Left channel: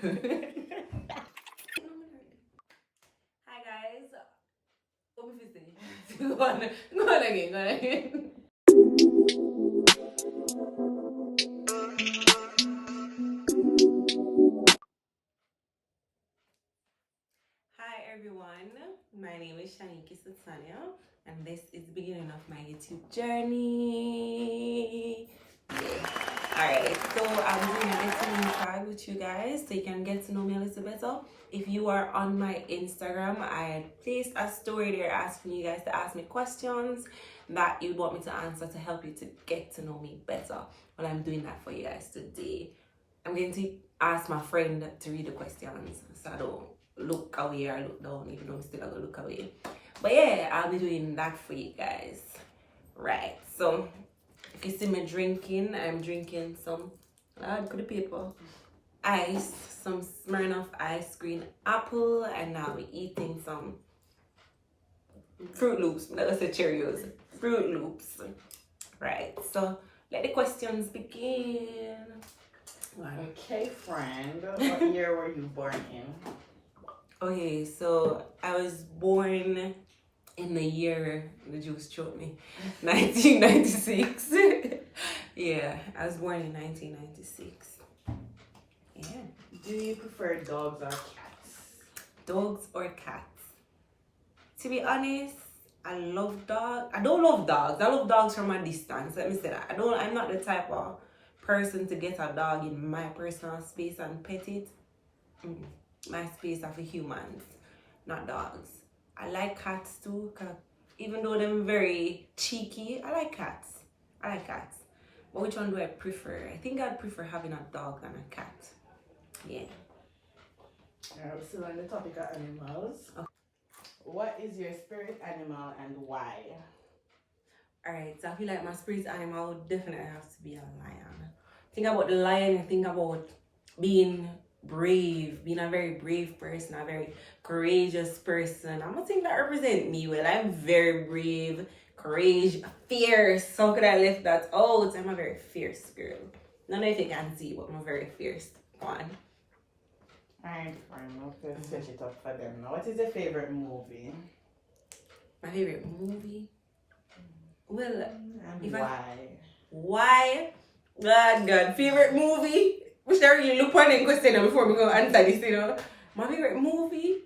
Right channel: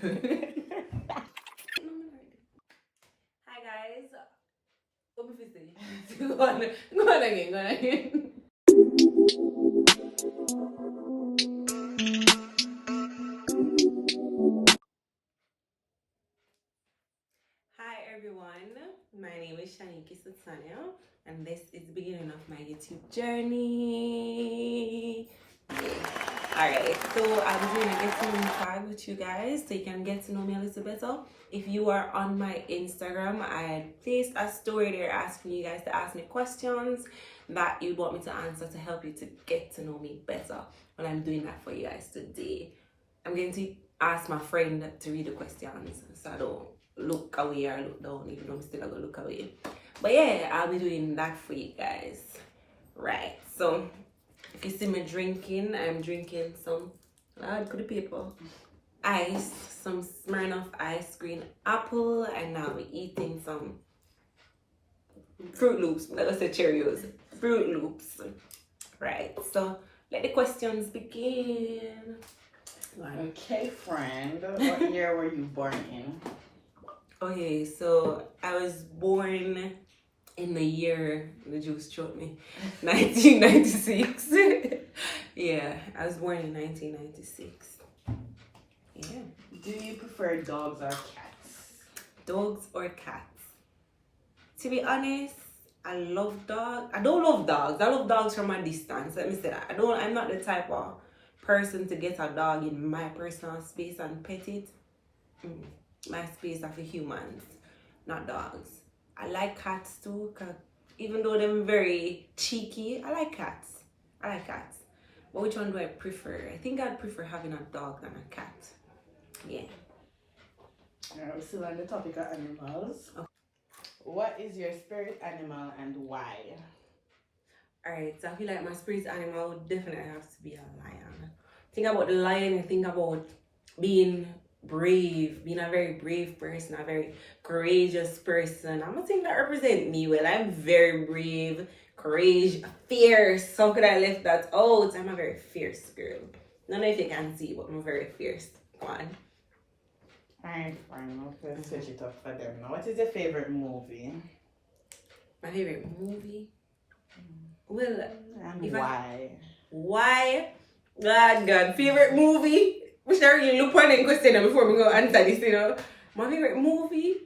Hi guys. Go on again. Hi everyone. My name is Shaniekie Sutayna, and this is the beginning of my YouTube journey. Alright, so I'm doing a get to know me tag with you guys so you can get to know me a little better. If you are on my Instagram, I placed a story there asking you guys to ask me questions that you want me to answer to help you to get to know me better. Well, I'm doing that for you guys today. I'm going to ask my friend to read the questions so I don't look away or look down, even though I'm still gonna look away. But yeah, I'll be doing that for you guys. Right, so if you see me drinking, I'm drinking some, Lord, could the paper, ice, some Smirnoff ice green apple, and now we're eating some Fruit Loops. I'm not gonna say Cheerios, Fruit Loops. Right, so let the questions begin. Okay, friend, what year were you born in? Okay, so I was born in the year, the Jews showed me, 1996. Yeah, I was born in 1996. Yeah. Do you prefer dogs or cats? Dogs or cats? To be honest, I love dogs. I don't love dogs. I love dogs from a distance. Let me say that. I'm not the type of person to get a dog in my personal space and pet it. My space are for humans, not dogs. I like cats too, cause even though they're very cheeky, I like cats. But which one do I prefer? I think I'd prefer having a dog than a cat. Yeah. Alright, we're still on the topic of animals. Okay. What is your spirit animal and why? Alright, so I feel like my spirit animal would definitely have to be a lion. Think about the lion, you think about being brave, being a very brave person, a very courageous person. I'm a thing that represent me well. I'm very brave, courageous, fierce. How could I lift that out? I'm a very fierce girl. I don't know if you can see, but I'm very fierce. Go on. Alright, fine. Let's switch it up for them now. What is your favorite movie? My favorite movie? Well, And why? Why? God. Favorite movie? We should really look on the question before we go answer this, you know. My favorite movie?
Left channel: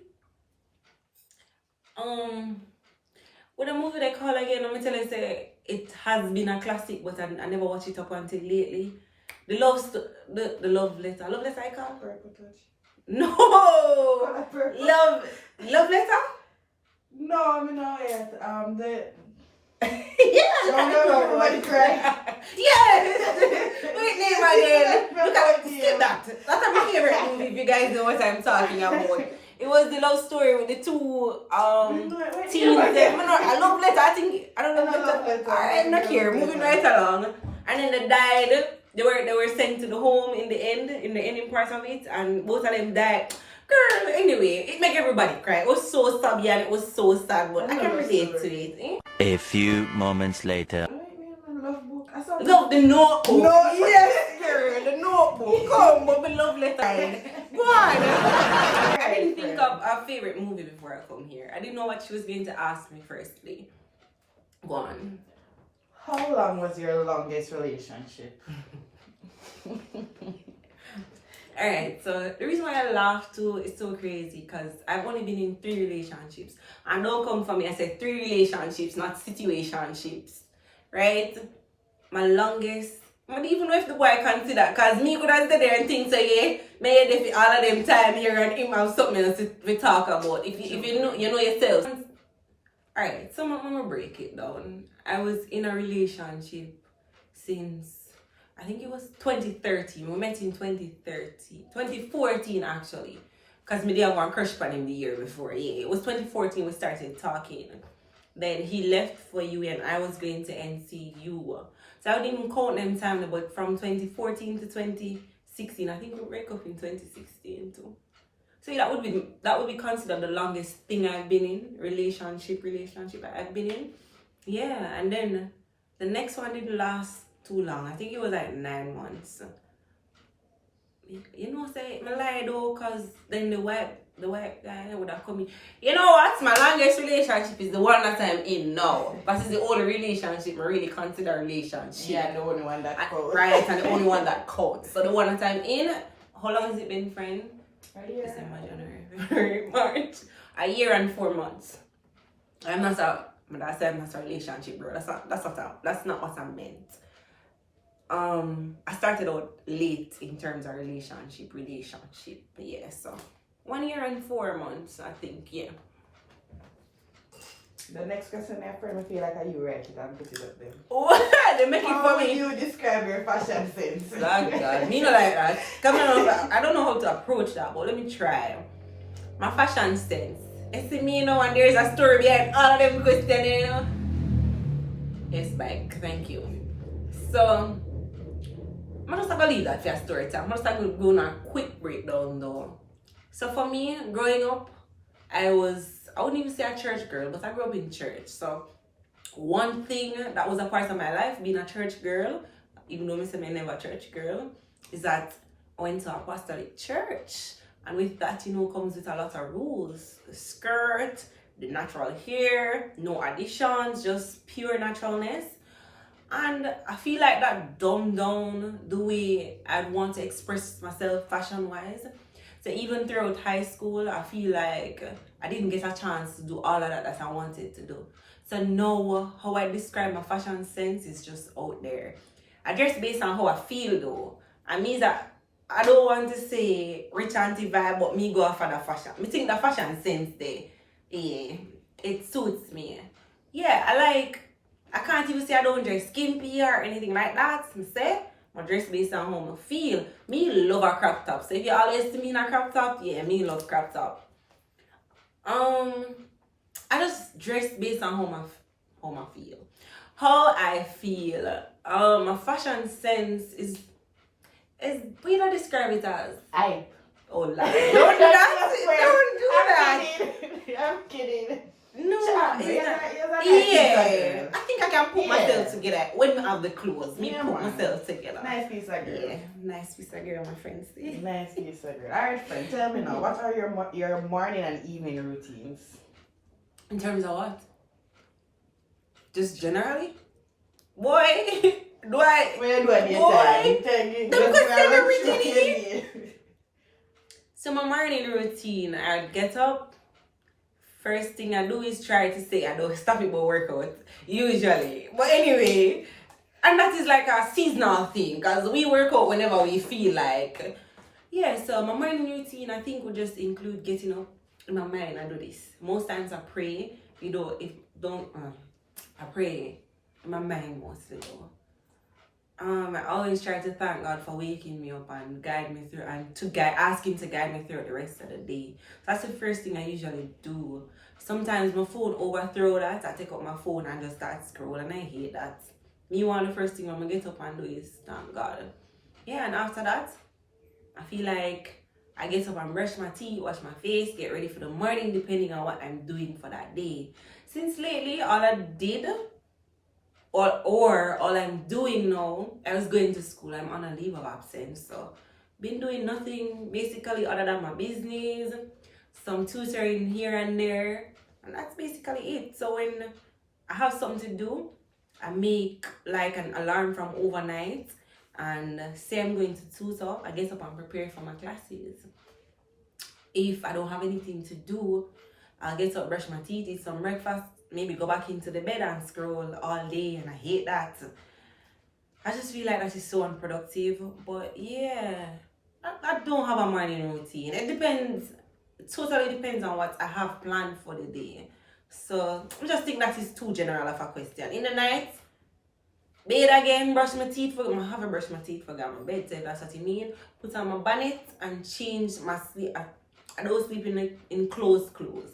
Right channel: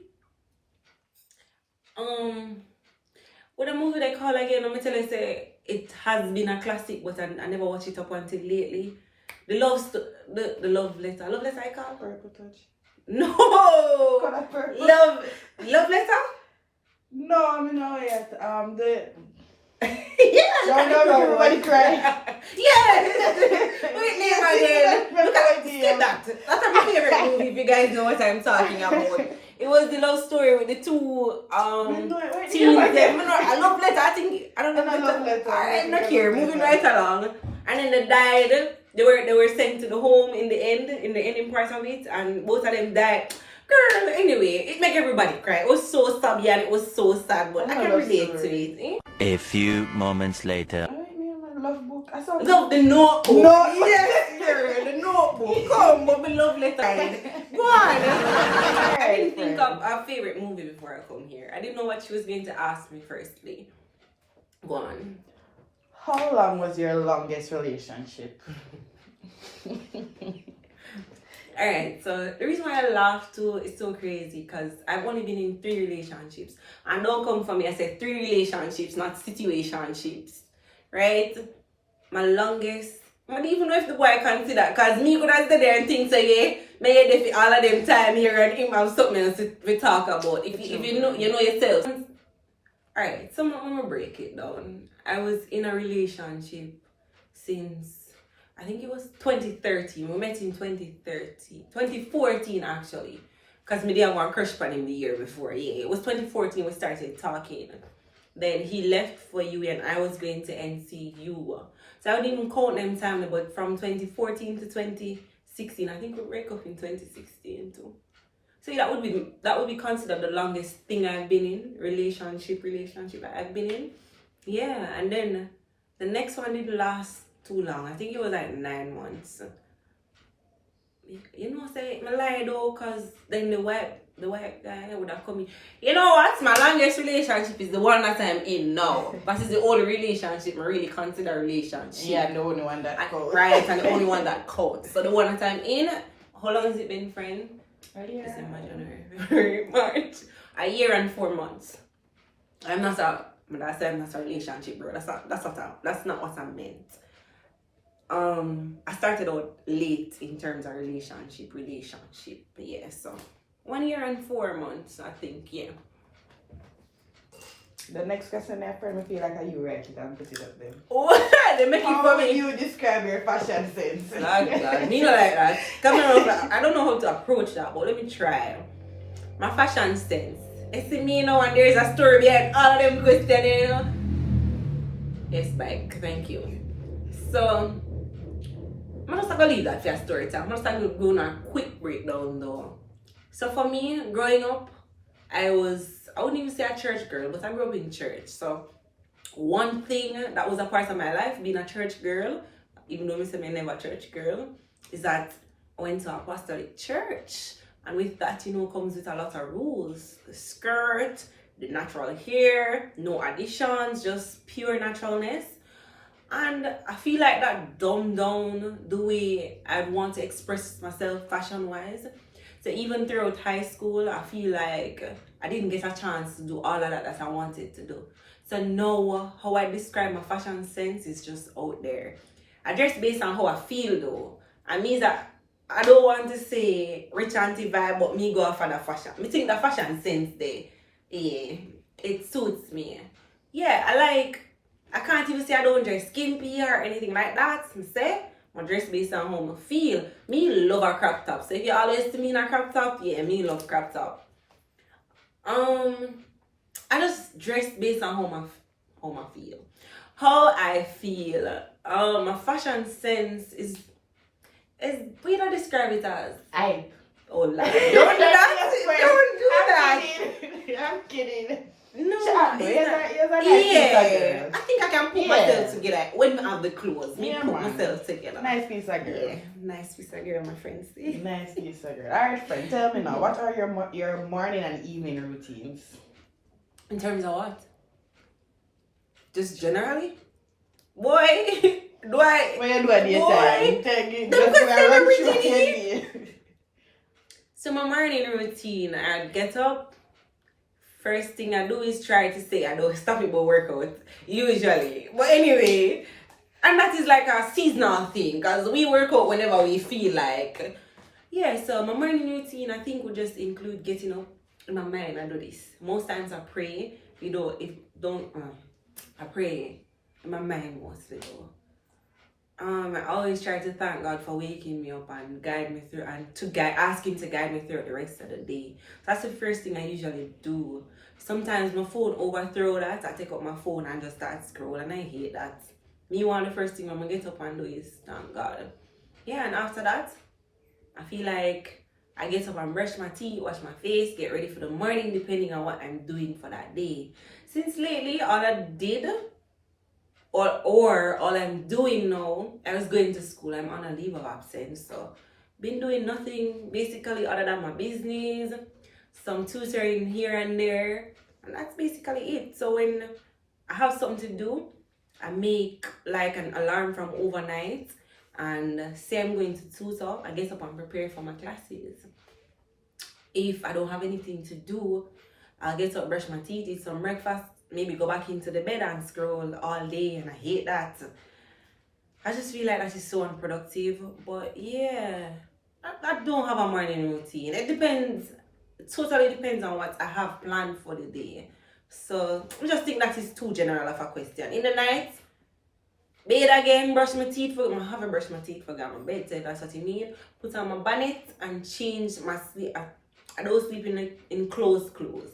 What a movie they call again? Let me tell you, say it has been a classic, but I never watched it up until lately. The love letter. Love letter I call? Purple Touch. No! Purple. Love letter? No, I mean no yet. Yeah, no, right. Yes! Wait, name again. Look at skip that. That's my favorite movie, if you guys know what I'm talking about. It was the love story with the two teens. I love letter. I don't know letter. Alright, not here. Moving right along. And then they died. They were sent to the home in the ending part of it, and both of them died. Girl, anyway, it made everybody cry. It was so sad, and it was so sad, but I can relate to it. Eh? A few moments later. Love book. I saw Love the notebook. No, yes, girl, the notebook. Come, but we love letter. Go on. I didn't think of a favorite movie before I come here. I didn't know what she was going to ask me firstly. Go on. How long was your longest relationship? Alright, so the reason why I laugh too is so crazy because I've only been in 3 relationships. And don't come for me, I said 3 relationships, not situationships. Right? My longest, I don't even know if the boy consider that, because me could have stayed there and think, so yeah, may you all of them time here and him have something else to talk about. If you know yourself. Alright, so I'm gonna break it down. I was in a relationship since, I think it was 2013. We met in 2014 actually. Because me did have one crush on him the year before. Yeah, it was 2014 we started talking. Then he left for you and I was going to NCU. So I wouldn't even count them time, but from 2014 to 2016, I think we break up in 2016 too. So that would be considered the longest thing I've been in, relationship I've been in. Yeah, and then the next one didn't last too long. I think it was like 9 months. You know, say I lie though, cause then the white guy would have come in. You know what? My longest relationship is the one that I'm in now. But it's the only relationship I really consider a relationship. Yeah, the only one that counts. Right, and the only one that counts. So the one that I'm in, how long has it been, friend? December, January, February, March. A year and 4 months. I'm not a relationship, bro. That's not what I meant. I started out late in terms of relationship. Yeah, so 1 year and 4 months, I think, yeah. The next question, my friend, I feel like you write it and put it up there. Oh, they make it How for would me. you describe your fashion sense? Like God, me not like that. Come on, I don't know how to approach that, but let me try. My fashion sense. You see me, and there's a story behind all of them questions, Yes, bike. Thank you. So, I'm just gonna leave that for a story time. I'm just gonna go on a quick breakdown though. So for me, growing up, I wouldn't even say a church girl, but I grew up in church. So one thing that was a part of my life, being a church girl, even though I say I'm never a church girl, is that I went to a apostolic church. And with that, comes with a lot of rules. The skirt, the natural hair, no additions, just pure naturalness. And I feel like that dumbed down the way I'd want to express myself fashion-wise. So even throughout high school, I feel like I didn't get a chance to do all of that I wanted to do. So now, how I describe my fashion sense is just out there. I dress based on how I feel though. I mean that I don't want to say rich auntie vibe, but me go for the fashion. I think the fashion sense there, yeah, it suits me. Yeah, I can't even say I don't dress skimpy or anything like that. I dress based on how I feel. Me love a crop top. So if you always see me in a crop top, yeah, me love crop top. I just dress based on how I feel. How I feel. My fashion sense is we don't describe it as. Oh, Lord. Don't do that. Don't do that. I'm kidding. No, Yeah. I think I can put myself together when I have the clothes. Myself together. Nice piece of girl. Yeah, nice piece of girl, my friends. Nice piece of girl. Alright, friend, tell me now, what are your morning and evening routines? In terms of what? Just generally? Boy, do I? What you do at your time? So my morning routine, I get up. First thing I do is try to say I don't stop it but workout, usually. But anyway, and that is like a seasonal thing because we work out whenever we feel like. Yeah, so my morning routine I think would just include getting up. In my mind, I do this. Most times I pray. I pray in my mind mostly though. I always try to thank God for waking me up and guide me through and ask him to guide me through the rest of the day. So that's the first thing I usually do. Sometimes my phone overthrow that. I take up my phone and just start scrolling. I hate that. Meanwhile, the first thing I'm gonna get up and do is thank God. Yeah, and after that, I feel like I get up and brush my teeth, wash my face, get ready for the morning depending on what I'm doing for that day. Since lately, all I did or all I'm doing now, I was going to school. I'm on a leave of absence, so been doing nothing basically other than my business, some tutoring here and there, and that's basically it. So when I have something to do, I make like an alarm from overnight and say I'm going to tutor. I get up and prepare for my classes. If I don't have anything to do, I'll get up, brush my teeth, eat some breakfast, maybe go back into the bed and scroll all day, and I hate that. I just feel like that is so unproductive. But yeah, I don't have a morning routine. It totally depends on what I have planned for the day. So I just think that is too general of a question. In the night, bathe again, brush my teeth for I haven't brushed my teeth for my bed, so that's what you mean. Put on my bonnet and change my sleep. I don't sleep in closed clothes.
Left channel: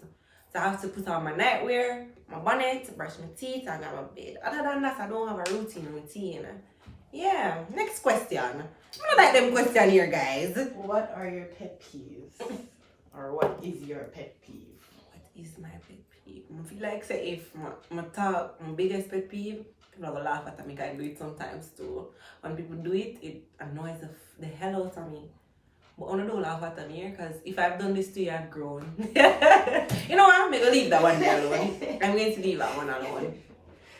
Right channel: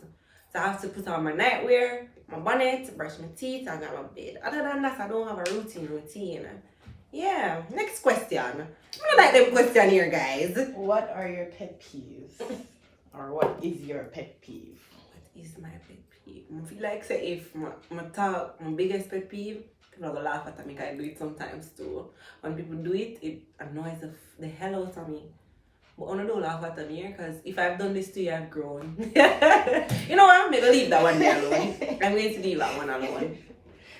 So I have to put on my nightwear, my bonnet, brush my teeth, and go to bed. Other than that, I don't have a routine. Yeah, next question. I don't like them question here, guys. What are your pet peeves? Or what is your pet peeve? What is my pet peeve? I feel like say if my biggest pet peeve, people are gonna laugh at me because I do it sometimes too. When people do it, it annoys the hell out of me. But I don't laugh at me because if I've done this to you, I've grown. You know what? I'm going to leave that one there alone. I'm going to leave that one alone.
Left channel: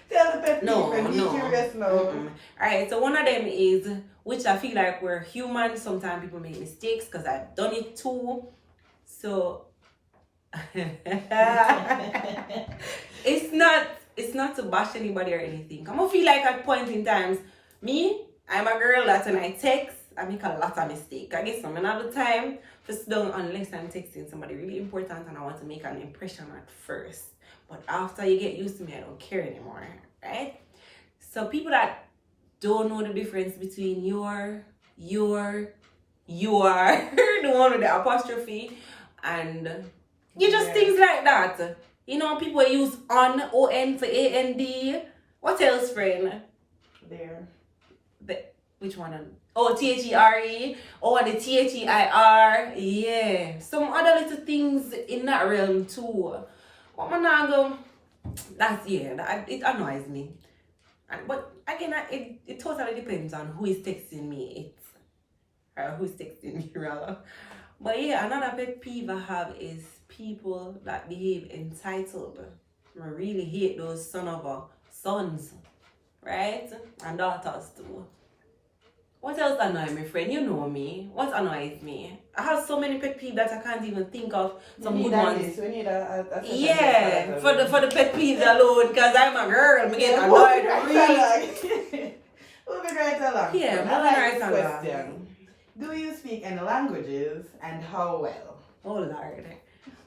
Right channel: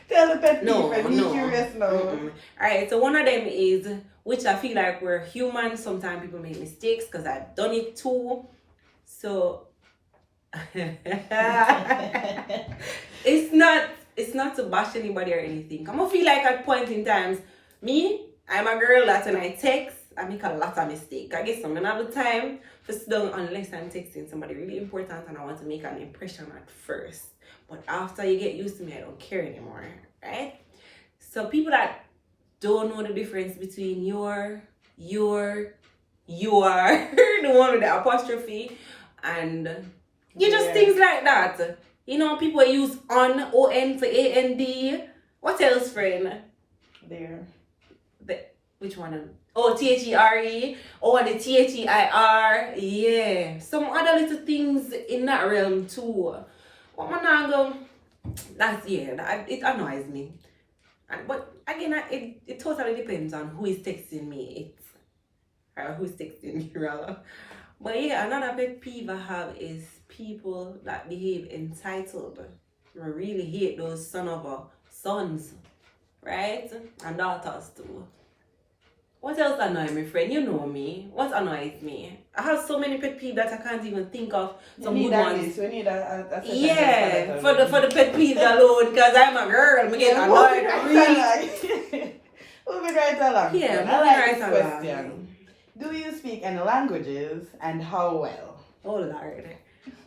Tell the pet No, peeve, I'm no. curious now. Alright, so one of them is, which I feel like we're human. Sometimes people make mistakes because I've done it too. So, it's not to bash anybody or anything. I'm gonna feel like at point in times, I'm a girl that when I text, I make a lot of mistakes. I guess I'm gonna have the time to sit down unless I'm texting somebody really important and I want to make an impression at first. But after you get used to me, I don't care anymore, right? So people that don't know the difference between your, the one with the apostrophe, and you just things like that. You know, people use on for A-N-D. What else, friend? There. Which one? Oh, T-H-E-R-E. Oh, and the T-H-E-I-R. Yeah. Some other little things in that realm too. What man I go? It annoys me. But again, it totally depends on who is texting me. Or who's texting me rather. But yeah, another pet peeve I have is people that behave entitled. I really hate those sons, right? And daughters too. What else annoys me, friend? You know me. What annoys me? I have so many pet peeves that I can't even think of some good ones. We need a Yeah, for the pet peeves alone, because I'm a girl. I get annoyed. Moving right along. Yeah, I like this moving right question. along. Do you speak any languages and how well? Oh Lord.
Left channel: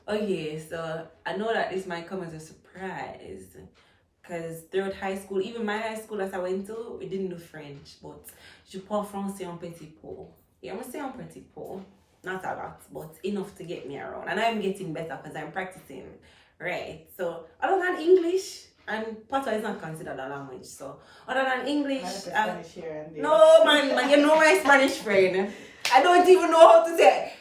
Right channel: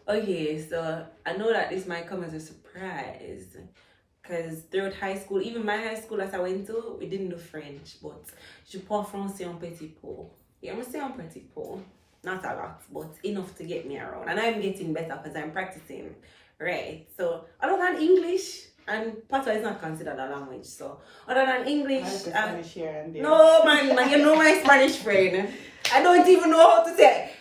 Okay, so I know that this might come as a surprise. Because throughout high school, even my high school that I went to, we didn't do French, but je parle français un petit peu. Yeah, I'm saying un petit peu. Not a lot, but enough to get me around. And I'm getting better because I'm practicing. Right. So, other than English, and Patois is not considered a language, so other than English. Spanish here and there. No, man, you know my Spanish friend. I don't even know how to say.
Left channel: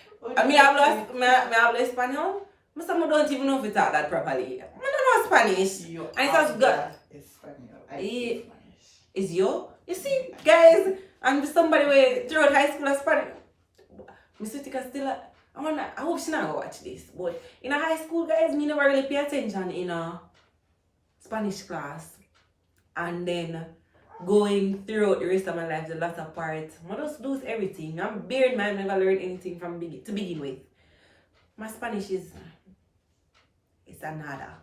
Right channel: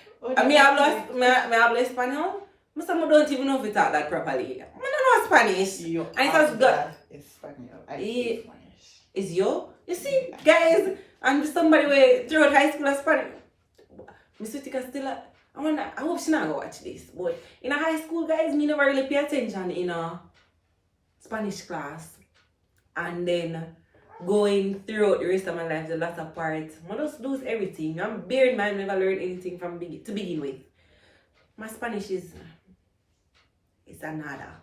Me hablo español. I don't even know if you talk that properly. I don't know Spanish. And it has got. Espanol. I speak Spanish. Is you? You see, guys, and somebody where throughout high school Spanish. Miss Utica still. I hope she not go watch this. But in a high school, guys, me never really pay attention in a Spanish class. And then going throughout the rest of my life, the latter part, I just lose everything. I'm bear in mind, never learned anything to begin with. My Spanish is a nada.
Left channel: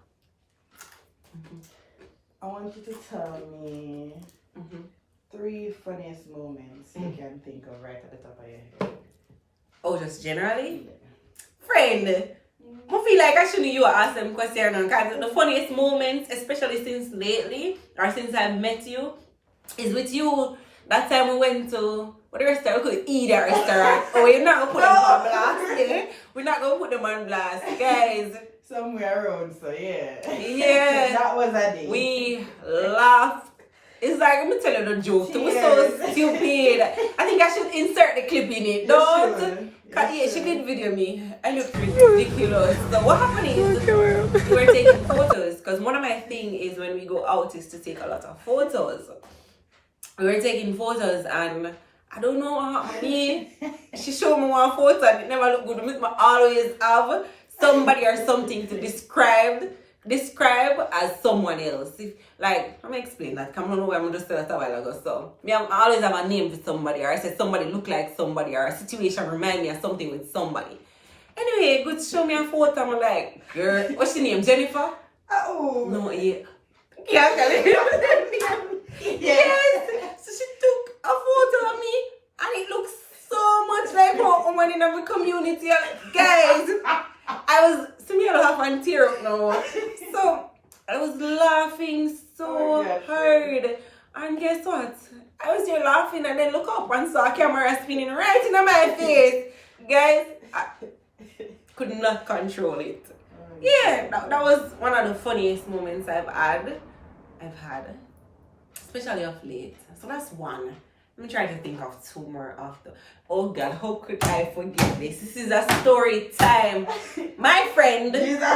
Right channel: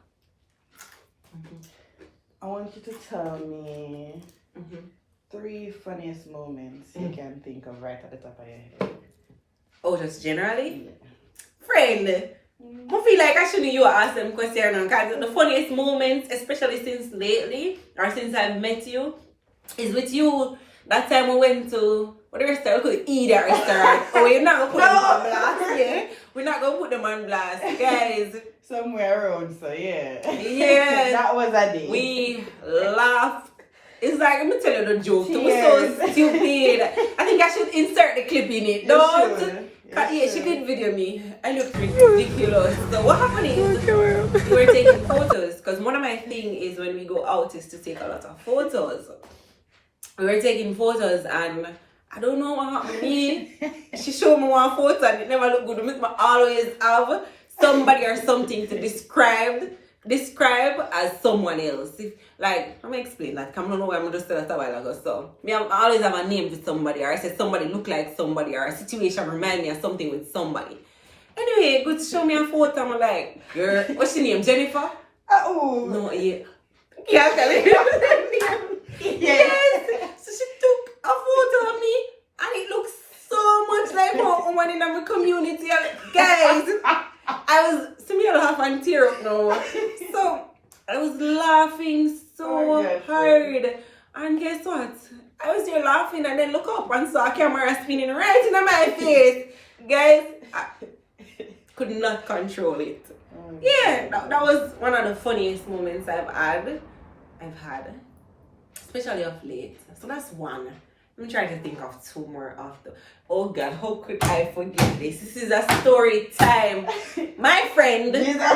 I want you to tell me 3 funniest moments you can think of right at the top of your head. Oh, just generally? Yeah. Friend, I feel like I shouldn't you ask them questions because the funniest moments, especially since lately, or since I met you, is with you. That time we went to what restaurant? We could eat at restaurant. Oh, we're not gonna put them on blast, yeah? We're not gonna put them on blast, guys. Somewhere around, so yeah. Yeah. That was a day. We laughed. It's like, I'm gonna tell you the joke. It was so stupid. I think I should insert the clip in it. Don't. Yeah, she did video me. I looked ridiculous. So what happened is we were taking photos because one of my thing is when we go out is to take a lot of photos. We were taking photos and I don't know what happened to me. She showed me one photo and it never looked good. I always have somebody or something to describe as someone else. If, like, let me explain that. I don't know why I'm just saying that a while ago. So, I always have a name for somebody, or I say somebody look like somebody, or a situation remind me of something with somebody. Anyway, good show me a photo. I'm like, girl, what's your name? Jennifer? Oh. No, yeah. Yeah, yes. So she took a photo of me, and it looks so much like a woman in our community. Guys, I laugh and tear up now. So I was laughing so hard. And guess what? I was there laughing and then look up and saw a camera spinning right in my face. Guys, I could not control it. Yeah, that was one of the funniest moments I've had, especially of late. So that's one. I'm trying to think of 2 more after. Oh God, how could I forget this? This is a story time. My friend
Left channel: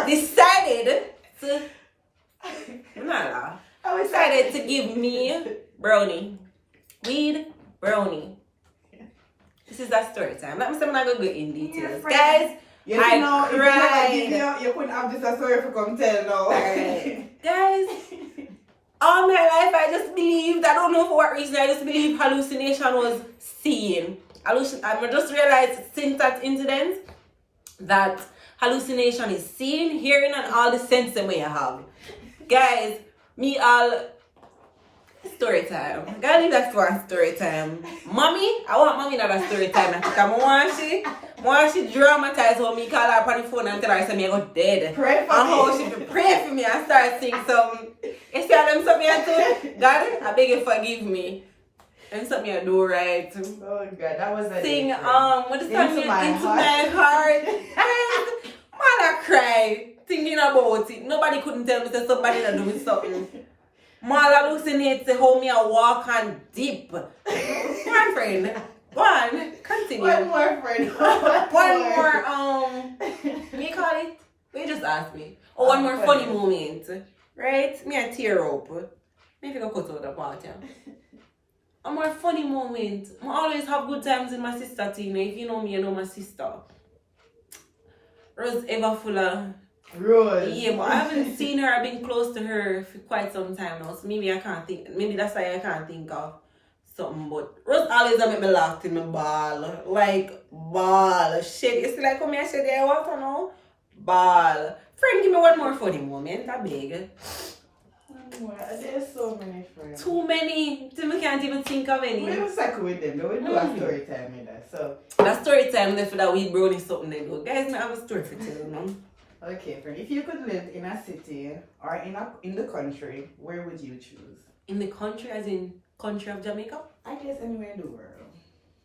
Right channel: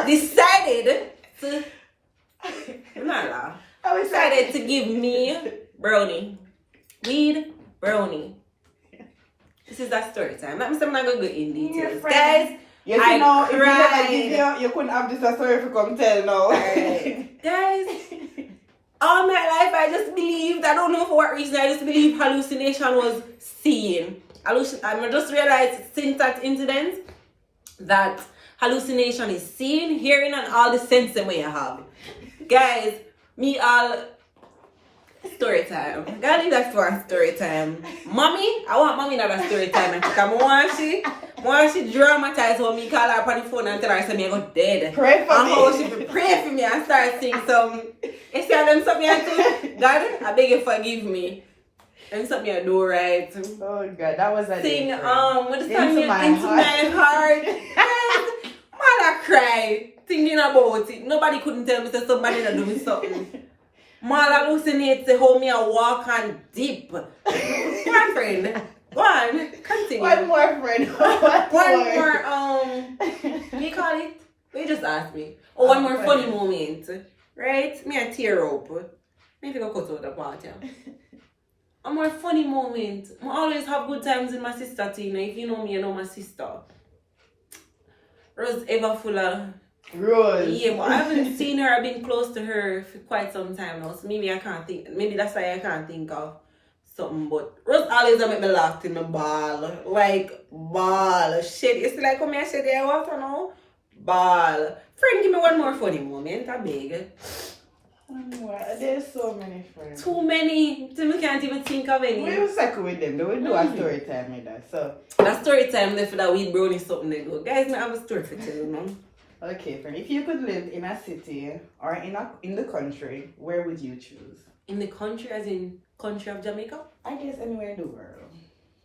decided to give me brownie. Weed brownie. This is a story time. Let me say I'm not gonna go in details. friend. Guys, Yes, I you know, if cried. you never you couldn't have this a story if you come tell now. Alright. Guys, all my life I just believed, I don't know for what reason, I just believed hallucination was seen. I just realized since that incident that hallucination is seen, hearing, and all the sense that you have. Guys, me all story time. Gotta leave that for a story time. Mommy, I want mommy not a story time. And I want she dramatize how me call her on the phone and tell her say me I go dead. Pray for and me. how she pray for me and start sing some. You see how them something I do? God, I beg you forgive me. And something I do right. Oh God, that was a Sing different. what the song Into my into heart. my heart. Guys, man I cry thinking about it. Nobody couldn't tell me that somebody that doing something. Man hallucinate say how me a walk and dip. Go on, friend. Go on. Continue. One more friend. One more me call it. You just asked me. Oh, one more funny moment. Right? Me a tear up. Maybe I cut out the part, yeah. A more funny moment. I always have good times with my sister Tina. If you know me, you know my sister. Rose ever full of Rose. yeah, but I haven't seen her. I've been close to her for quite some time now. So maybe I can't think. Maybe that's why I can't think of something. But Rose always make me laugh in my ball. Like, ball. Shit. It's like, come here, shit, there, water now? Ball. Friend, give me one more funny moment. I beg. There's so many friends. Too many. Till I can't even think of any. We will cycle with them. They will do a story time with that. So That story time left for that weed brownie something they do. Guys, I have a story for tell you now. okay, friend. If you could live in a city or in the country, where would you choose? In the country, as in country of Jamaica? I guess anywhere in the world.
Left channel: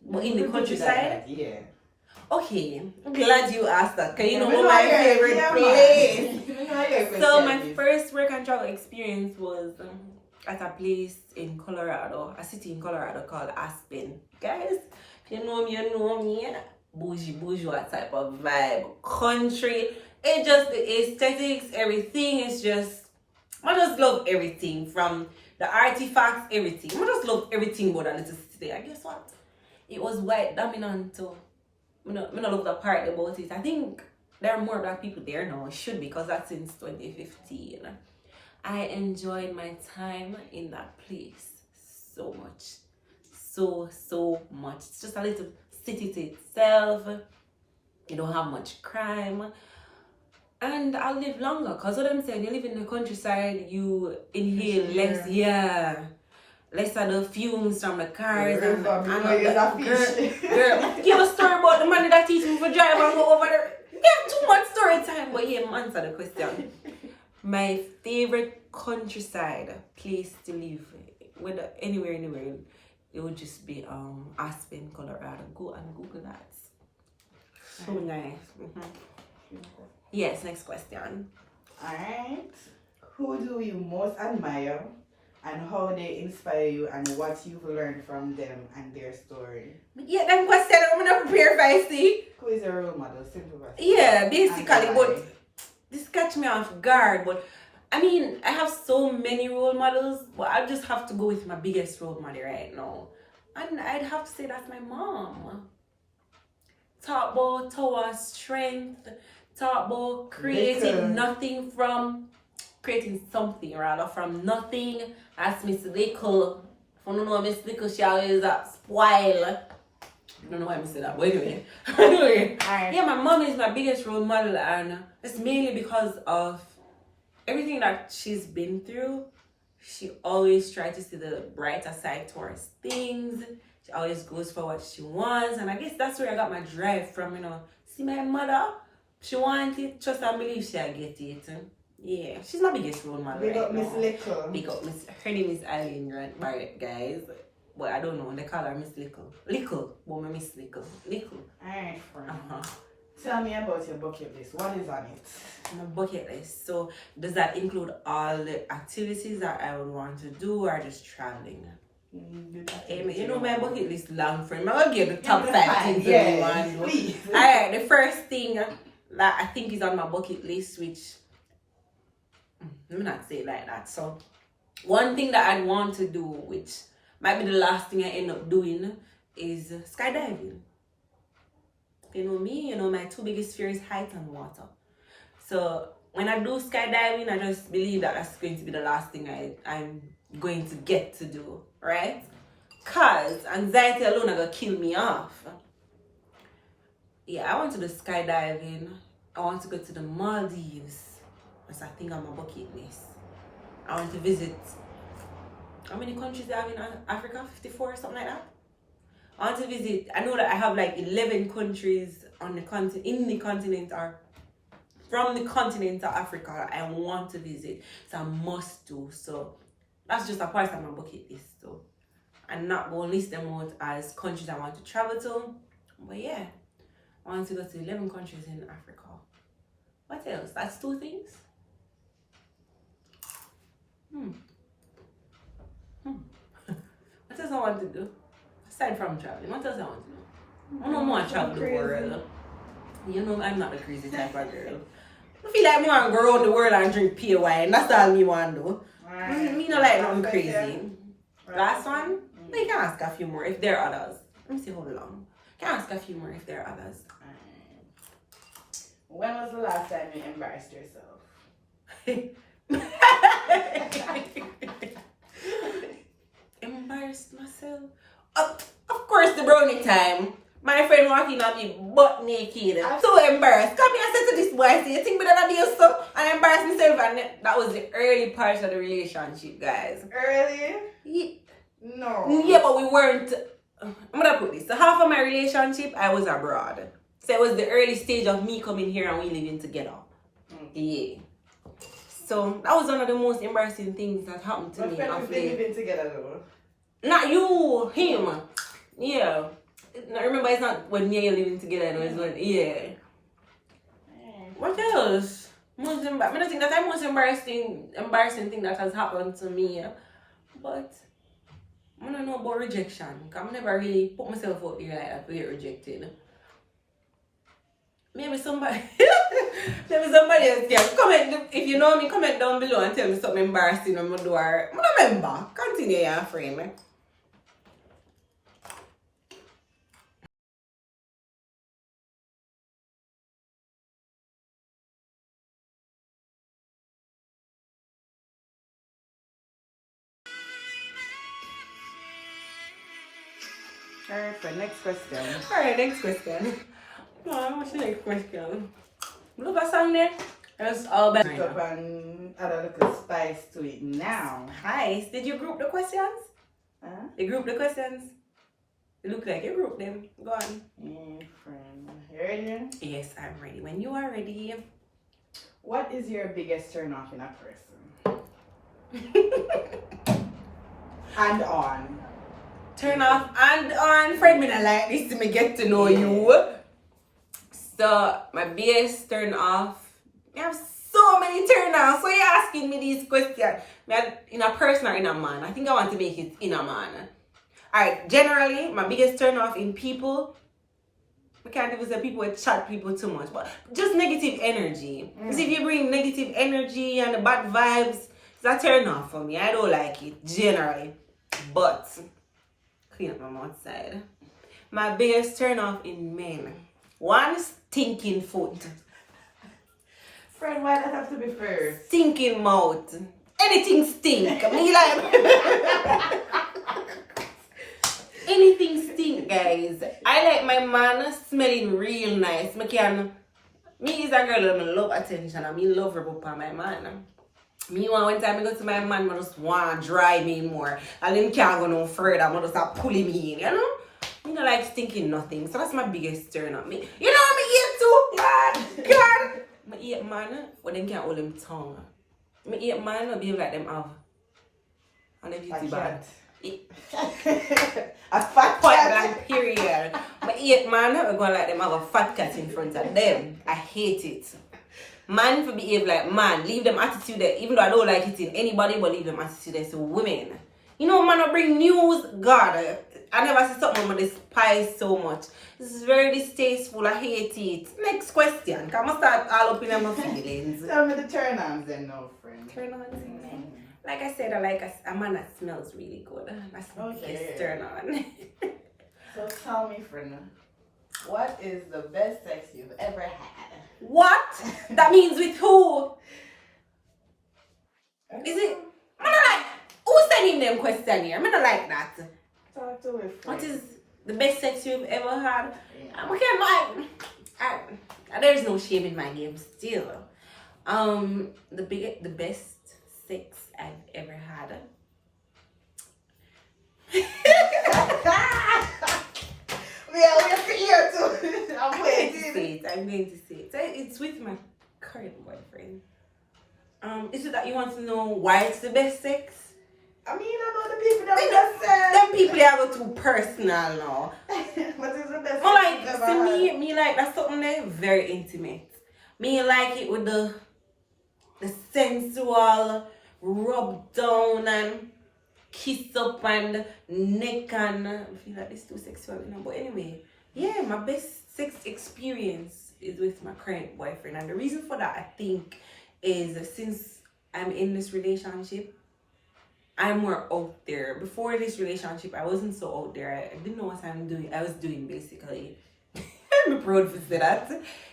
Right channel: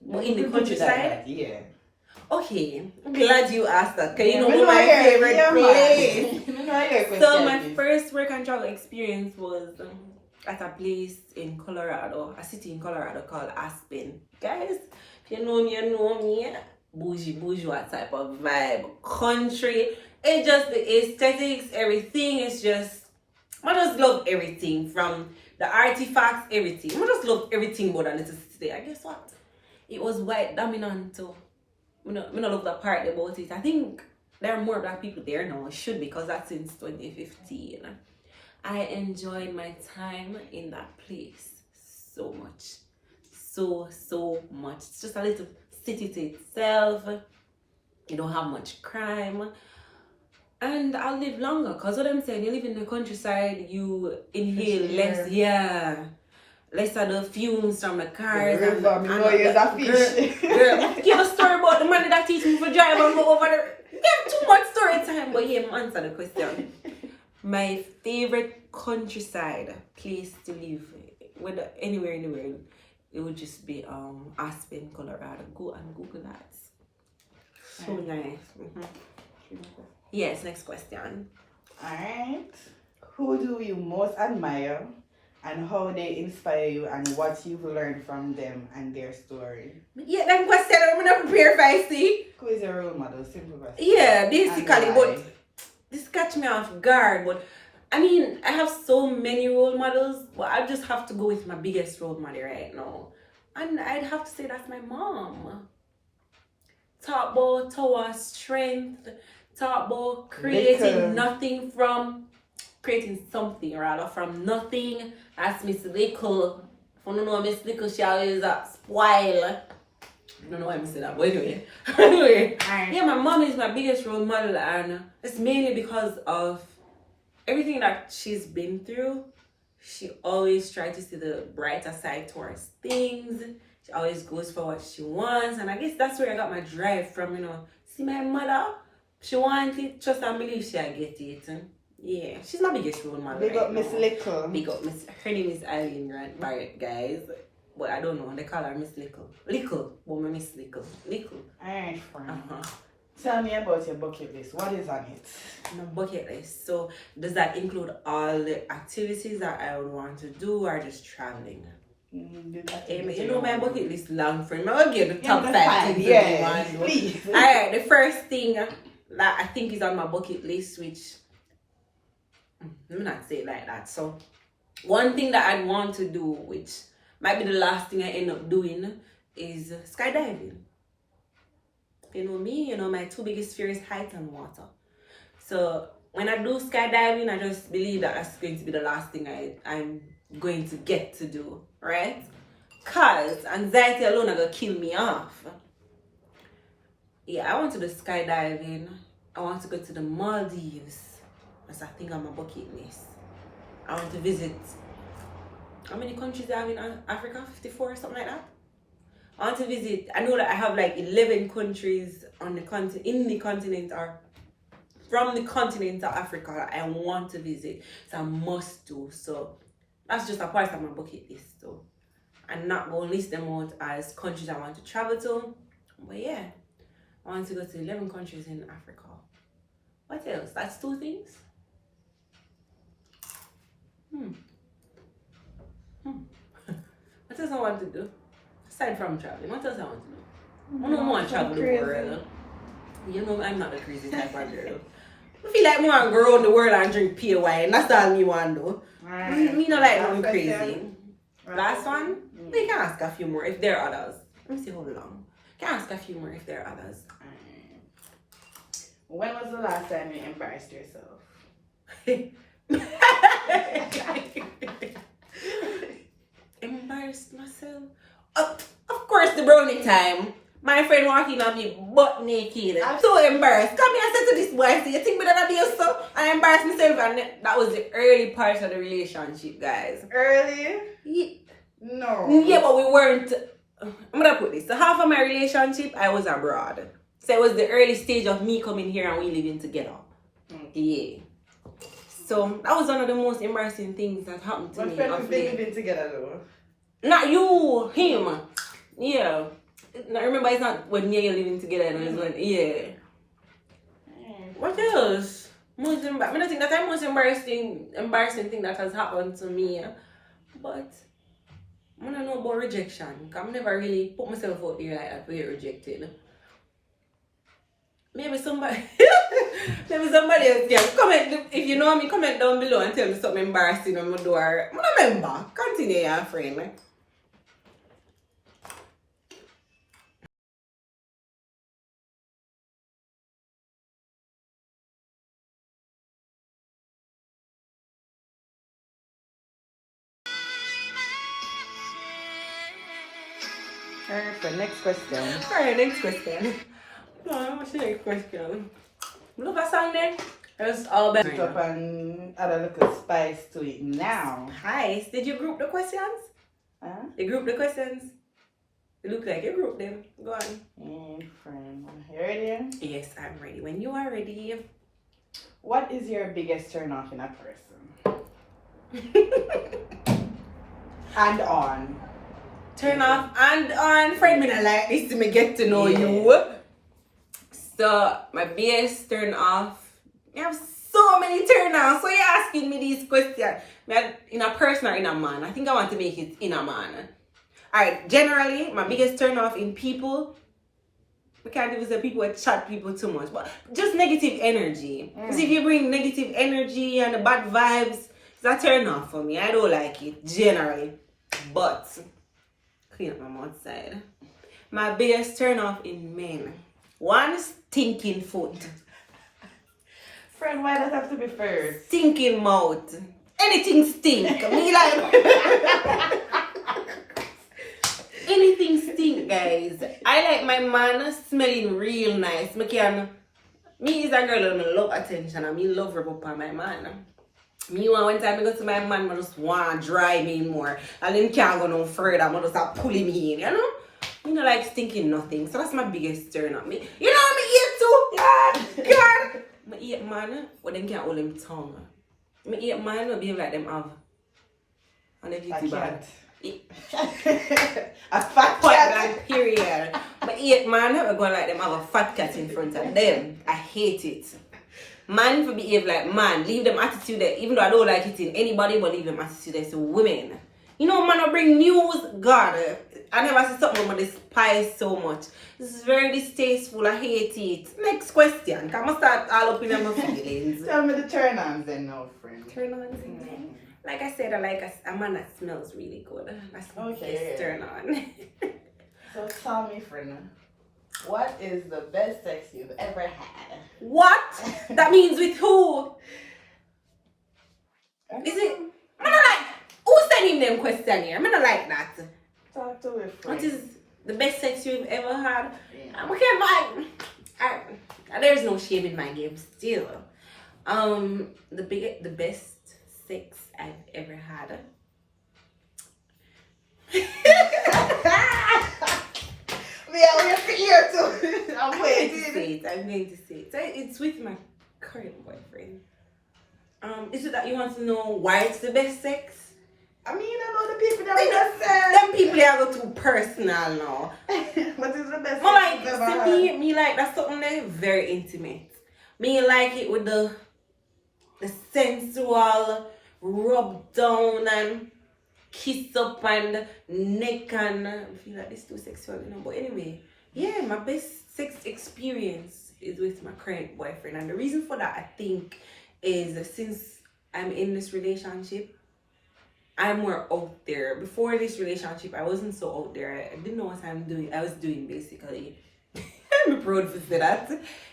But in the countryside? Yeah. Okay, I'm glad you asked that because you know we my your- favorite yeah, place. man. We know your So question my is. first work and travel experience was at a place in Colorado, a city in Colorado called Aspen. Guys, if you know me, you know me. Bougie, bourgeois type of vibe, country. It just the aesthetics, everything is just. I just love everything from the artifacts, everything. I just love everything about that little city. And guess what? It was white dominant too. I don't love the part about it. I think there are more black people there now. It should be because that's since 2015. I enjoyed my time in that place so much. So much. It's just a little city to itself. You don't have much crime. And I'll live longer because what I'm saying, you live in the countryside, you inhale less, less of the fumes from the cars. Girl, give a story about the man that teach me for drive and go over there. Give too much story time, but yeah, answer the question. My favorite countryside place to live, whether anywhere in the world, it would just be Aspen, Colorado. Go and Google that. So nice. Yes, next question. Alright. Who do you most admire and how they inspire you and what you've learned from them and their story? Yeah, that question I'm not prepared for, I see. Who is a role model? Simple as Yeah, basically, and but why? this catch me off guard. But I mean, I have so many role models, but I just have to go with my biggest role model right now. And I'd have to say that's my mom. Talk about tower strength, talk about creating nothing from, creating something rather from nothing. That's Miss Little. If you don't know Miss Little, she always spoil. I don't know why I said that, but anyway. Yeah, my mom is my biggest role model, and it's mainly because of everything that she's been through. She always tries to see the brighter side towards things. She always goes for what she wants, and I guess that's where I got my drive from, See my mother, she wants it, trust and believe she'll get it. Yeah, she's my biggest role model. Big up Miss Little. Big up Miss, her name is Eileen Barrett, guys. But I don't know, they call her Miss Little. Little, but my Miss Little. Little. Alright, friend. Tell me about your bucket list. What is on it? My bucket list. So, does that include all the activities that I would want to do or just traveling? My bucket list long, friend. I'm going to give the top 5 things that you want to do. Please. Alright, the first thing that I think is on my bucket list, which let me not say it like that. So, one thing that I'd want to do, which might be the last thing I end up doing, is skydiving. You know me, my two biggest fears, height and water. So when I do skydiving, I just believe that that's going to be the last thing I'm going to get to do, right? Cause anxiety alone are gonna kill me off. Yeah, I want to do skydiving. I want to go to the Maldives. That's a thing on my bucket list. I want to visit. How many countries do I have in Africa? 54 or something like that. I want to visit. I know that I have like 11 countries on the continent, in the continent, or from the continent of Africa that I want to visit. So I must do. So that's just a part of my bucket list. So I'm not going to list them out as countries I want to travel to. But yeah, I want to go to 11 countries in Africa. What else? That's 2 things. What else I want to do? Aside from traveling, what else I want to do? I don't want to travel the world. You know, I'm not a crazy type of girl. I feel like I want to go around the world and drink pure wine. That's all me want to do. Me not like nothing crazy. Last one? We can ask a few more if there are others. Let me see how long. Can ask a few more if there are others. When was the last time you embarrassed yourself? Embarrassed myself? Of course, the brownie time. My friend walking at me butt naked. I'm so embarrassed. Come here and say to this boy, I say, you think me that be so? I embarrassed myself, and that was the early parts of the relationship, guys. Early? Yeah. No. Yeah, but we weren't. I'm gonna put this. So half of my relationship, I was abroad. So it was the early stage of me coming here and we living together. Yeah. So that was one of the most embarrassing things that happened to me of late. Living together though. Not you, him. Yeah. Now, remember, it's not when me and you living together. No, it's when, yeah. What else? I don't think that's the most embarrassing thing that has happened to me. But I don't know about rejection. Because I never really put myself out there like that to get rejected. Maybe somebody else can comment. If you know me, comment down below and tell me something embarrassing on my door. I don't remember. Continue, your friend. Alright, for next question. Alright, next question. What's the next question? Look at song then. It's all better. Put up and add a little spice to it now. Hi, did you group the questions? Huh? You group the questions? It look like you group them. Go on. Friend. You ready? Yes, I'm ready. When you are ready. What is your biggest turn off in a person? And on. Turn off and on. Friend, me not like this to me get to know you. So, my biggest turn off. I have so many turn offs. So, you're asking me these questions. In a person or in a man? I think I want to make it in a man. Alright, generally, my biggest turn off in people, I can't even say people that chat people too much, but just negative energy. Because if you bring negative energy and the bad vibes, it's a turn off for me. I don't like it, generally. But, clean up my mouth side. My biggest turn off in men. One, stinking foot. Friend, why does it have to be first? Stinking mouth. Anything stink. Me like... Anything stink, guys. I like my man smelling real nice. Me is a girl that love attention and me love rub up on my man. Me want one time I go to my man, I just want to dry me more. And him can't go no further, I just start pulling me in, you know? Me not like stinking nothing. So that's my biggest turn up. Me, you know me eat too? God! Me eat man, but them can't hold them tongue. Me eat man, but behave like them have. And if you bad. A fat cat. Period. But 8 man, we're going like them have a fat cat in front of them. I hate it. Man, if you behave like man, leave them attitude there. Even though I don't like it in anybody, but leave them attitude there. So women, you know, man, I bring news. God, I never see something I despise so much. This is very distasteful. I hate it. Next question. Can I start all up in my feelings? Tell me the turn-ons then, no friend. Turn-ons, like I said, I like a man that smells really good. That's my biggest turn on. So tell me, friend, What is the best sex you've ever had? What? That means with who? Is it? I'm not like, who's sending them question here? I'm not like that. Talk to a friend. What is the best sex you've ever had? Yeah. We can't there's no shame in my game still. The best sex I've ever had. Yeah, we're here too. I'm I'm going to say it. So it's with my current boyfriend. Is it that you want to know why it's the best sex? I mean, I know the people that just said. Them people are go too personal now. What is the best But sex like, you've ever see had? me like that's something there very intimate. Me like it with the sensual rub down and kiss up and neck and I feel like this too sexual, you know. But anyway, yeah, my best sex experience is with my current boyfriend, and the reason for that I think is since I'm in this relationship, I'm more out there. Before this relationship, I wasn't so out there. I didn't know what I was doing basically. I'm proud to say that.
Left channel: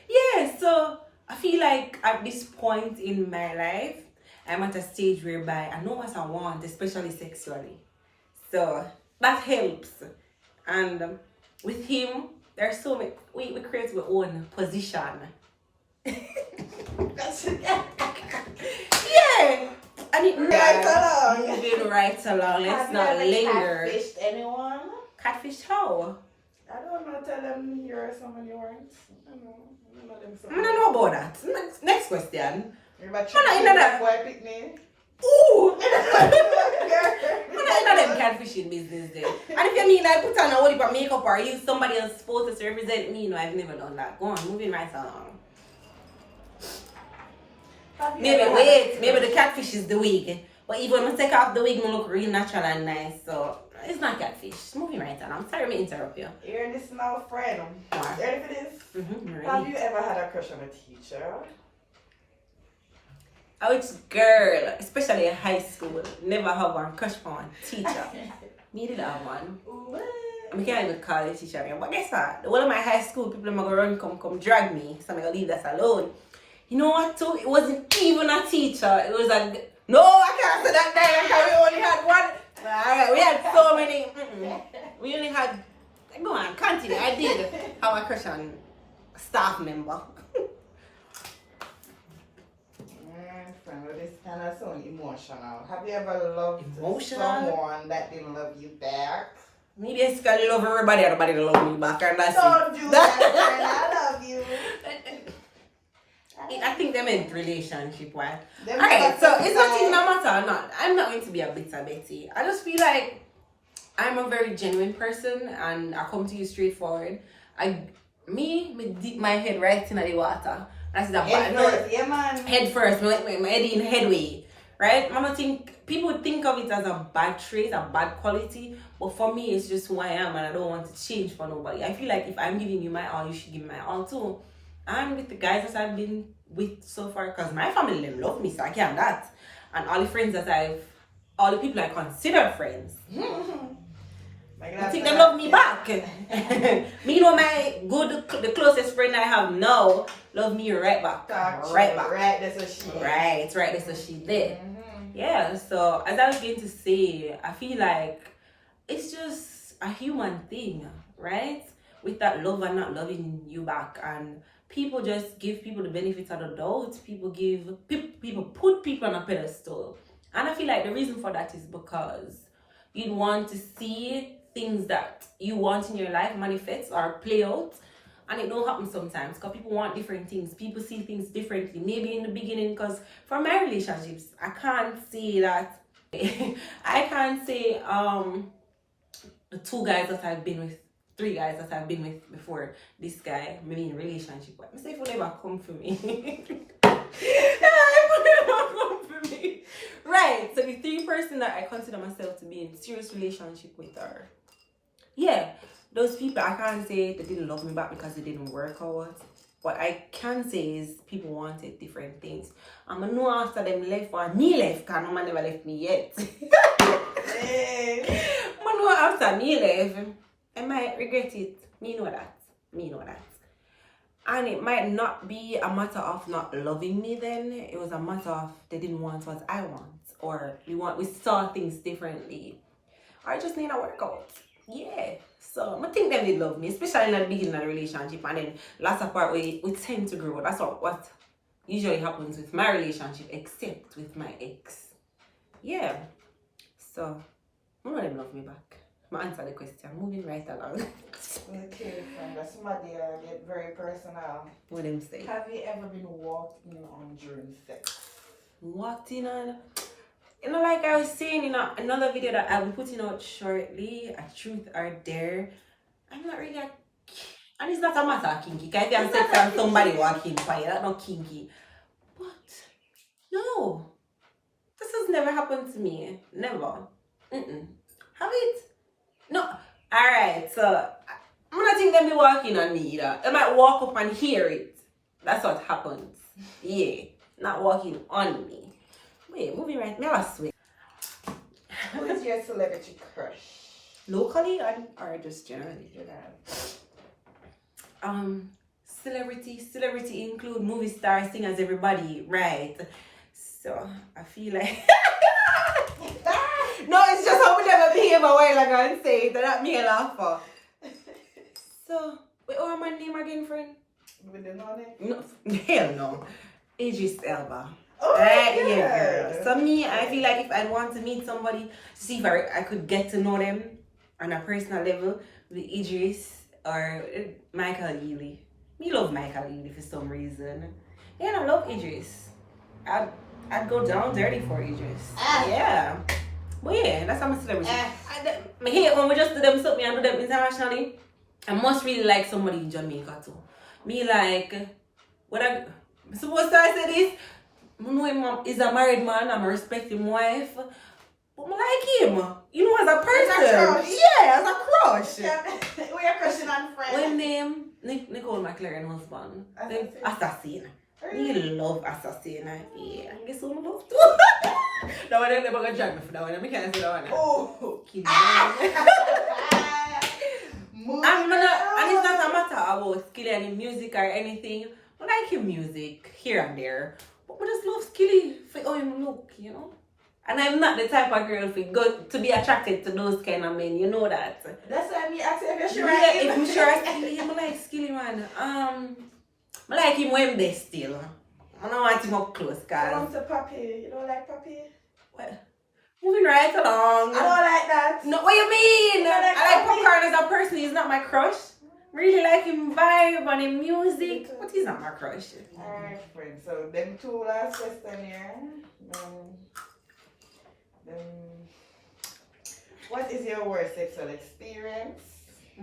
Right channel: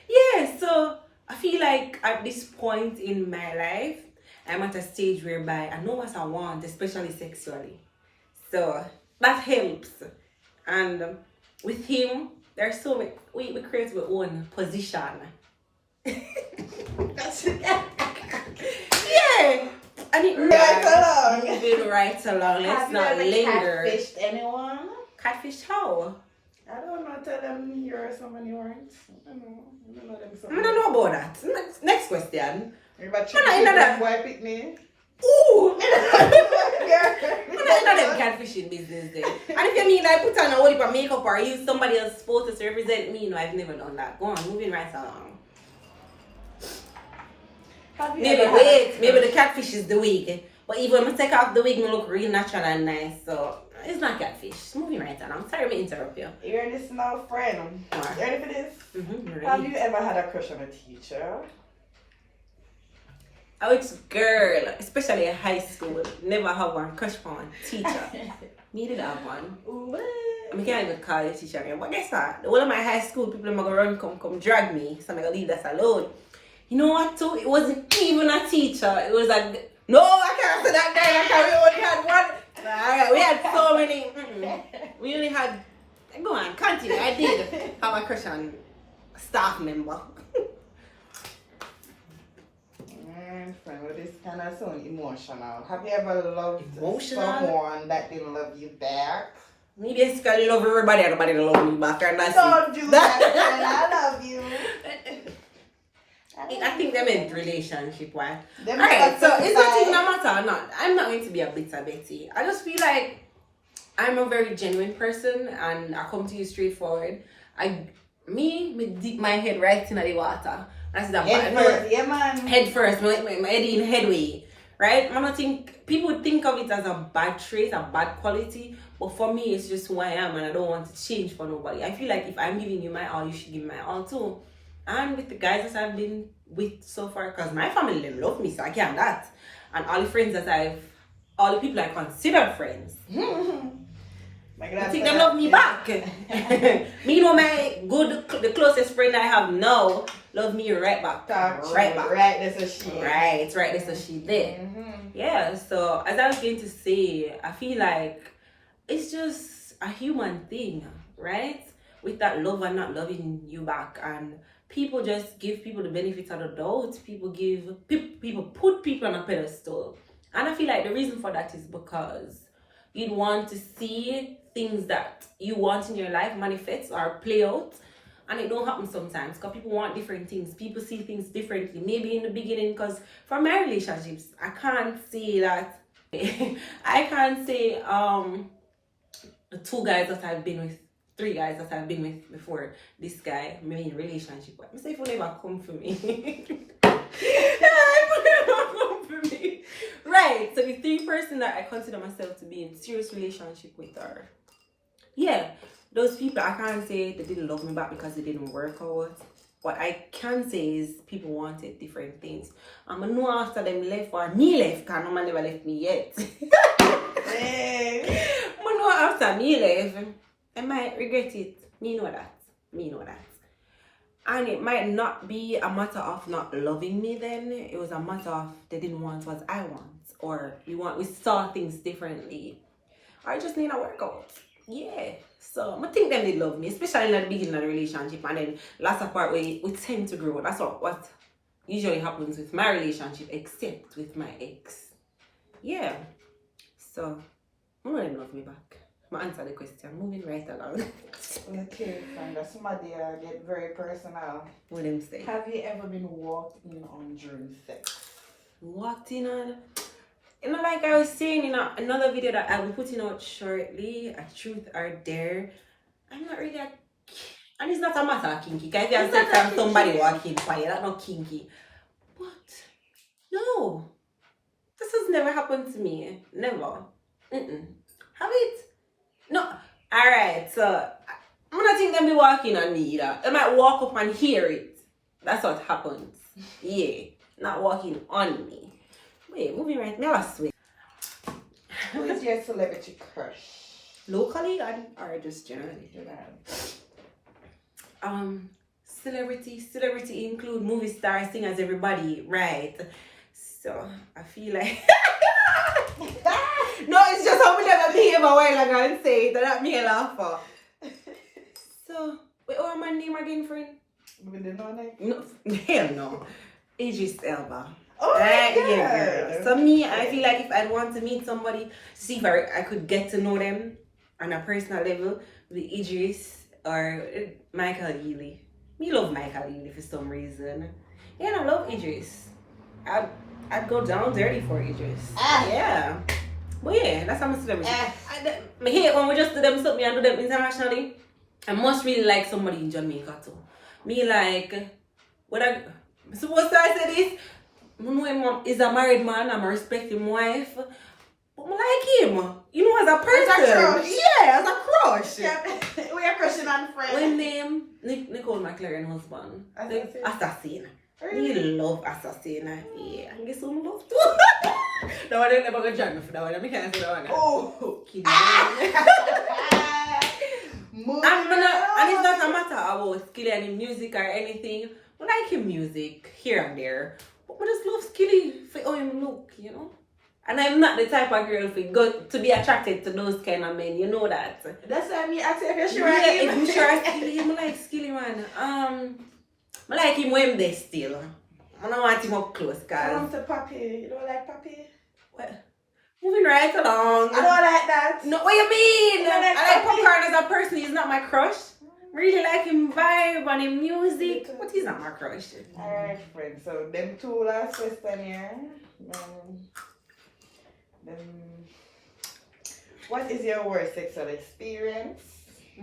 Yeah, so I feel like at this point in my life, I'm at a stage whereby I know what I want, especially sexually. So that helps. And with him, there's so many, we create our own position. Yeah. And it moving right along. Let's not linger. Catfished anyone? Catfish how? I don't know. Tell them you're someone you weren't. I don't know. I don't know about that. Next question. You're about I'm not into that. boy pick me. Ooh! I'm not into them catfishing business then. And if you mean I put on a whole heap of makeup or use somebody else's photos to represent me, no, I've never done that. Go on, moving right along. Maybe the catfish is the wig. But even when I take off the wig, I look real natural and nice. So it's not catfish. Moving right on. I'm sorry to interrupt you. You're this now friend. Ready for this? Mm-hmm, Have you ever had a crush on a teacher? Which girl, especially in high school, never have one crush on a teacher. Me did have one. I can't even call it teacher anymore. But guess what? The whole of my high school, people are going to run, come drag me. So I'm going to leave that alone. You know what too? It wasn't even a teacher. It was a... No, I can't say that guy because we only had one. Alright, we had so many. We only had... Go on, continue. I did have a crush on a staff member. Friend, well, this kind of so emotional. Have you ever loved someone that didn't love you back? Me basically love everybody love me back, and that's Don't do that, friend. I love you. I think they meant relationship, why? Alright, so it's not even a matter or not. I'm not going to be a bitter Betty. I just feel like I'm a very genuine person and I come to you straightforward. Me dip my head right in the water. That's the head first, my head in headway. Right? I don't think people think of it as a bad trait, a bad quality, but for me it's just who I am and I don't want to change for nobody. I feel like if I'm giving you my all, you should give me my all too. And with the guys that I've been with so far, because my family them love me, so I can't that. And all the friends all the people I consider friends. I think they love me back. Me know the closest friend I have now love me right back. Right back. Right, that's what she That's what she did. Yeah, so as I was going to say, I feel like it's just a human thing, right? With that love and not loving you back, and people just give people the benefit of the doubt. People put people on a pedestal, and I feel like the reason for that is because you'd want to see things that you want in your life manifest or play out, and it don't happen sometimes because people want different things. People see things differently. Maybe in the beginning, because for my relationships, I can't say that. I can't say the 2 guys that I've been with, 3 guys that I've been with before this guy, maybe in a relationship. But I say if you never come for me. Right, so the 3 person that I consider myself to be in serious relationship with are, yeah, those people. I can't say they didn't love me back because it didn't work out. What I can say is people wanted different things. I know after them left or me left, because no man never left me yet. I know after me left, I might regret it. Me know that. Me know that. And it might not be a matter of not loving me then. It was a matter of they didn't want what I want. Or we saw things differently. Or I just need a workout. Yeah. So I think them they love me, especially in the beginning of the relationship. And then last part we tend to grow. That's what usually happens with my relationship, except with my ex. Yeah. So I know them love me back. I answer the question. Moving right along. Okay, friend, somebody get very personal. What them say? Have you ever been walked in on during sex? Walked in on. Like I was saying in another video that I'll be putting out shortly, a truth or dare. I'm not really and it's not a matter of kinky. If you have sex and somebody walking by you, that's not kinky. But no, this has never happened to me. Never. Have it? No. Alright, so I'm not think them be walking on me either. They might walk up and hear it. That's what happens. Yeah. Not walking on me. Wait, moving right. Me I swear. Who is your celebrity crush? Locally or just generally? Celebrity include movie stars, singers, everybody, right? So I feel like no, it's just how we never behave a while ago and say it, that me a laugh for. So wait, what my name again, friend? We didn't know that? No, hell no. Idris Elba. Oh Yeah, girl. So me, I feel like if I want to meet somebody, see if I could get to know them on a personal level, with Idris or Michael Ealy. Me love Michael Ealy for some reason. Yeah, I love Idris. I'd go down dirty for Idris. Yeah. But yeah, that's how I'm a celebrity. I hate when we just do them something and do them internationally. I must really like somebody in Jamaica too. Me like, what I supposed to say this? I know him is a married man, I'm a respecting wife. But I like him. You know, as a person. Yeah, as a crush. We are crushing on friends. When name Nicole McLaren husband. Assassin. Me love Assassin. Yeah. And guess who I love too? That one never gonna drag me for that one. I can't say that one. Oh. Kidding. And it's not a matter about skill in music or anything. I like him music here and there. But I just love Skilly for how him look, you know? And I'm not the type of girl to be attracted to those kind of men, you know that. That's why me ask if you're sure. Yeah, if I'm sure Skilly, I like Skilly, man. I like him when they still. I don't want him up close, cause. You want to Papi? You don't like Papi? What? Moving right along. I don't like that. No, what you mean? Like I like Popcorn as a person. He's not my crush. Really like him vibe and him music, but he's not my crush. Alright, friend. So them two last question here. What is your worst sexual experience?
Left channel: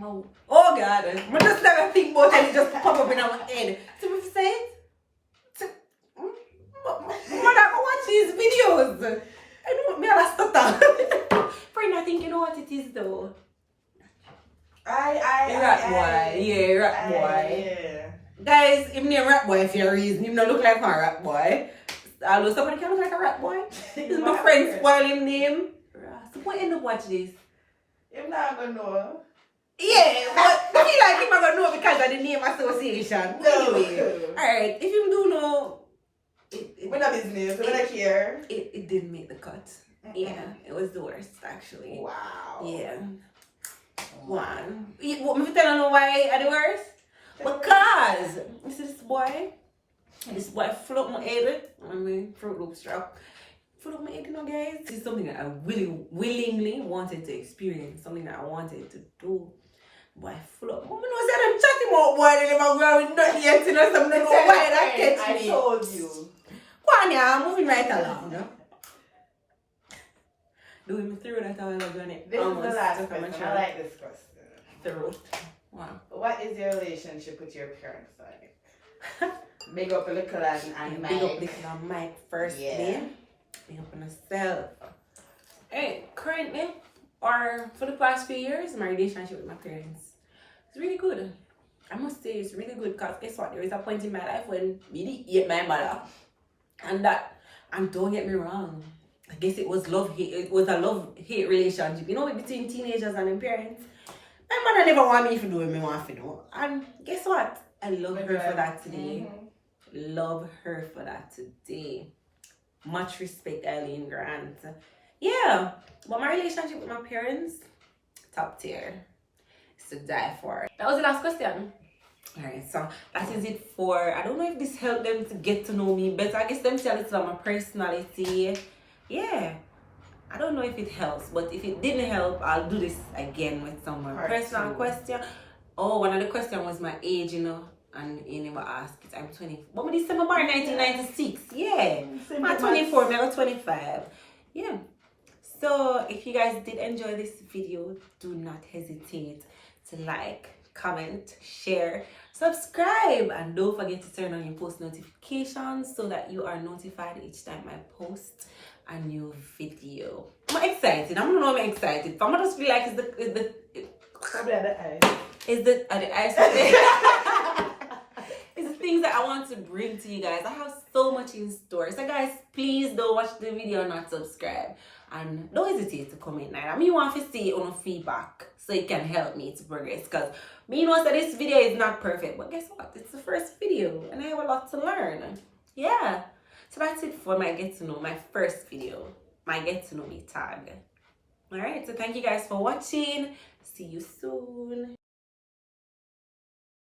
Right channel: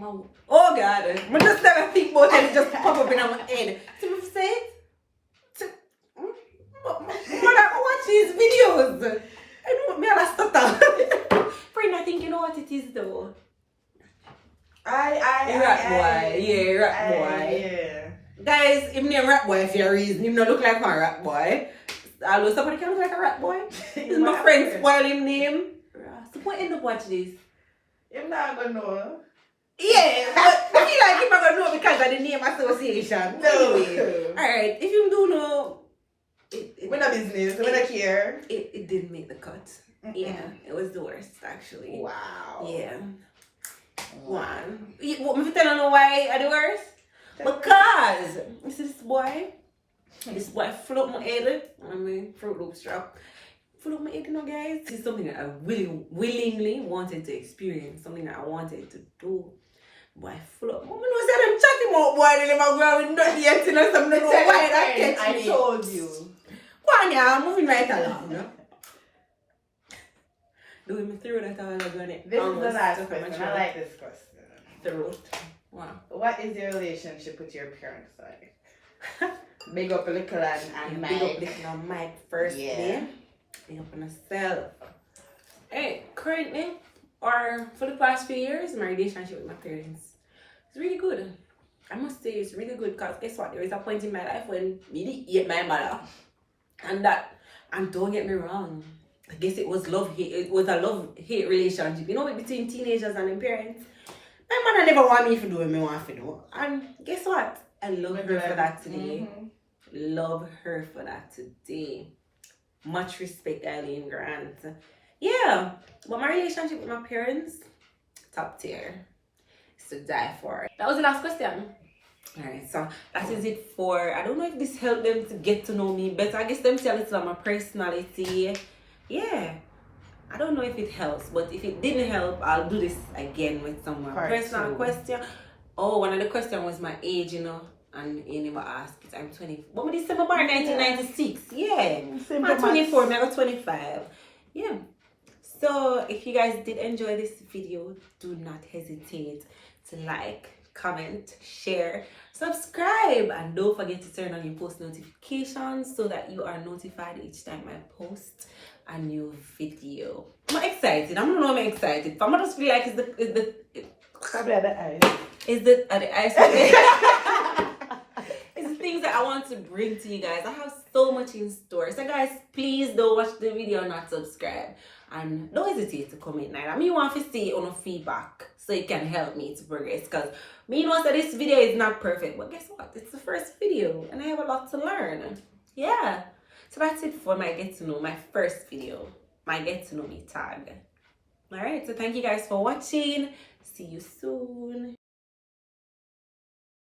Oh God, I just never think about it and it just pop up in my head. So we say it. Mother, watch these videos. I know me a stutter. Friend, I think you know what it is though. Rat boy. Yeah, rat boy. Yeah. Guys, him name rat boy for a reason. Him not look like one rat boy. Although somebody can look like a rat boy. This is my friend spoil him name. So what end up watch this? You're not gonna know. Yeah, but I feel like him not gonna know because of the name association. No. Anyway, alright, if you do know, We're not business, we're not here. It didn't make the cut. Yeah, it was the worst actually. Wow. Yeah. One. What me tell you why are the worst? Because you see this boy flew up my head. I mean, Fruit Loop strap. Flew up my head, you know, guys. This is something that I willingly wanted to experience. Something that I wanted to do. Boy, flew up. I know say them chatting about boy. They never go out with nothing yet. You know, some don't know why that catch me. I told you. Go on, yeah. I'm moving right along. No? Doing me through that all ago. This is the last question. I like this question. Throat. Wow. What is your relationship with your parents like? Big up little and Mike. Big up little Mike first day. Big up on myself. Hey, currently, or for the past few years, my relationship with my parents is really good. I must say it's really good because guess what? There is a point in my life when me hate my mother. And don't get me wrong. I guess it was love-hate. It was a love-hate relationship. You know, between teenagers and their parents. My mother never want me to do what me want to do. And guess what? I love her for that today. Love her for that today. Much respect, Eileen Grant. Yeah, but my relationship with my parents, top tier. It's to die for. That was the last question. Alright, so that is it for. I don't know if this helped them to get to know me better. I guess them tell it about my personality. Yeah. I don't know if it helps, but if it didn't help, I'll do this again with some more personal question. Oh, one of the questions was my age, and you never asked it. I'm 20. But me December born 1996. Yeah. I'm 24, maybe 25. Yeah. So if you guys did enjoy this video, do not hesitate to like, comment, share, subscribe, and don't forget to turn on your post notifications so that you are notified each time I post a new video. I'm excited. I don't know I'm excited. But I just feel like Probably at the eyes. It's the ice. It's the things that I want to bring to you guys. I have so much in store. So guys, please don't watch the video, not subscribe. And don't hesitate to comment. I mean, you want to see on feedback so it can help me to progress. Because me knows that this video is not perfect. But guess what? It's the first video. And I have a lot to learn. Yeah. So that's it for my get to know, my first video. My get to know me tag. Alright, so thank you guys for watching. See you soon.